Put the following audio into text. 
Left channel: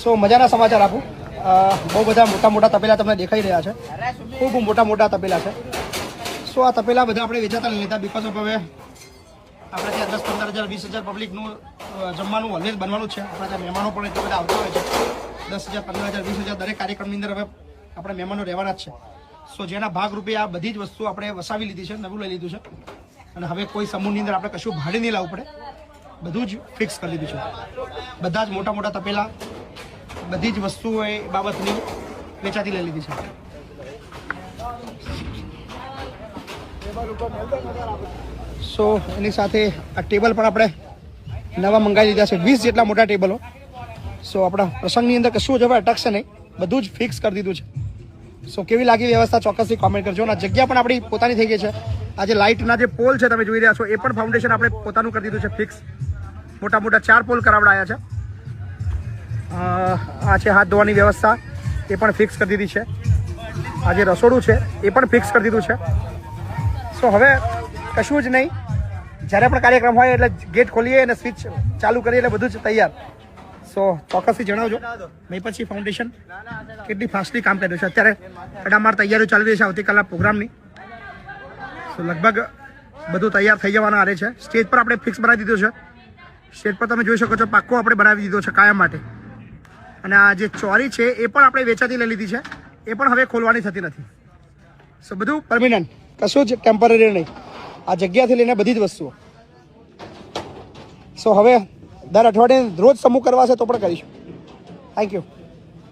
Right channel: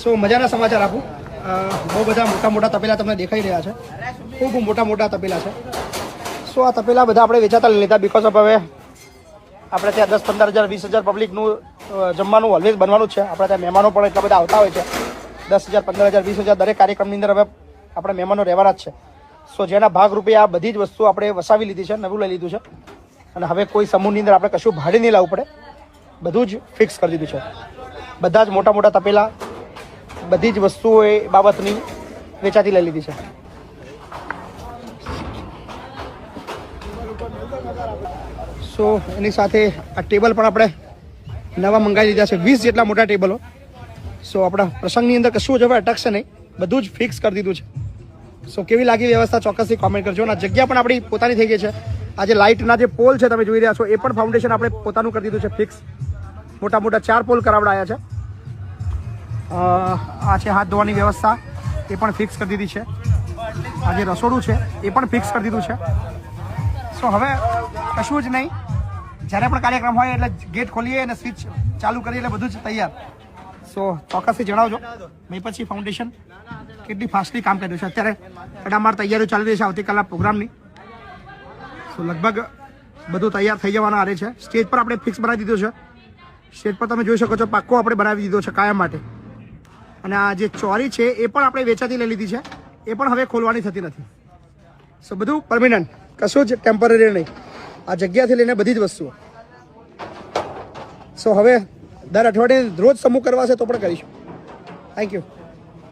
સો મજાના સમાચાર આપું. બહુ બધા મોટા મોટા તપેલા તમને દેખાઈ રહ્યા છે. ખૂબ મોટા મોટા તપેલા છે. સો આ તપેલા બધા આપણે વેચાતા લીધા બિકોઝ ઓફ હવે આપણે ત્યાં 10-15 હજાર 20,000 પબ્લિકનું જમવાનું ઓલવેઝ બનવાનું જ છે. આપણે ત્યાં મહેમાનો પણ એટલા બધા આવતા હોય છે. 10,000 15,000 20,000 દરેક કાર્યક્રમની અંદર હવે આપણે મહેમાનો રહેવાના જ છે. સો જેના ભાગરૂપે આ બધી જ વસ્તુ આપણે વસાવી લીધી છે, નવું લઈ લીધું છે. અને હવે કોઈ સમૂહની અંદર આપણે કશું ભાડે નહીં લાવવું પડે, બધું જ ફિક્સ કરી દીધું છે. બધા જ મોટા મોટા તપેલા બધી જ વસ્તુઓ એ બાબતની વેચાતી લઈ લીધી છે. સો એની સાથે આ ટેબલ પણ આપણે નવા મંગાવી લીધા છે, 20 જેટલા મોટા ટેબલો. સો આપણા પ્રસંગની અંદર કશું જ હવે અટકશે નહીં, બધું જ ફિક્સ કરી દીધું છે. સો કેવી લાગી વ્યવસ્થા ચોક્કસથી કોમેન્ટ કરજો. અને જગ્યા પણ આપણી પોતાની થઈ ગઈ છે. આ જે લાઇટના જે પોલ છે તમે જોઈ રહ્યા છો એ પણ ફાઉન્ડેશન આપણે પોતાનું કરી દીધું છે ફિક્સ. મોટા મોટા 4 પોલ કરાવડાયા છે. આ છે હાથ ધોવાની વ્યવસ્થા, એ પણ ફિક્સ કરી દીધી છે. આ જે રસોડું છે એ પણ ફિક્સ કરી દીધું છે. સો હવે કશું જ નહીં, જ્યારે પણ કાર્યક્રમ હોય એટલે ગેટ ખોલીએ અને સ્વિચ ચાલુ કરીએ એટલે બધું જ તૈયાર. સો ચોક્કસથી જણાવજો પછી ફાઉન્ડેશન કેટલી ફાસ્ટલી કામ કર્યું છે. અત્યારે તડામાર તૈયારીઓ ચાલી રહી છે આવતીકાલના પ્રોગ્રામની. સો લગભગ બધું તૈયાર થઈ જવાના આરે છે. સ્ટેજ પર આપણે ફિક્સ બનાવી દીધું છે. સ્ટેજ પર તમે જોઈ શકો છો પાક્કો આપણે બનાવી દીધો છે કાયમ માટે. અને આ જે ચોરી છે એ પણ આપણે વેચાતી લઈ લીધી છે, એ પણ હવે ખોલવાની થતી નથી. સો બધું પરમિનન્ટ, કશું જ ટેમ્પરરી નહીં. આ જગ્યાથી લઈને બધી જ વસ્તુઓ. સો હવે દર અઠવાડિયે રોજ સમૂહ કરવા છે તો પણ કરીશું. Thank you.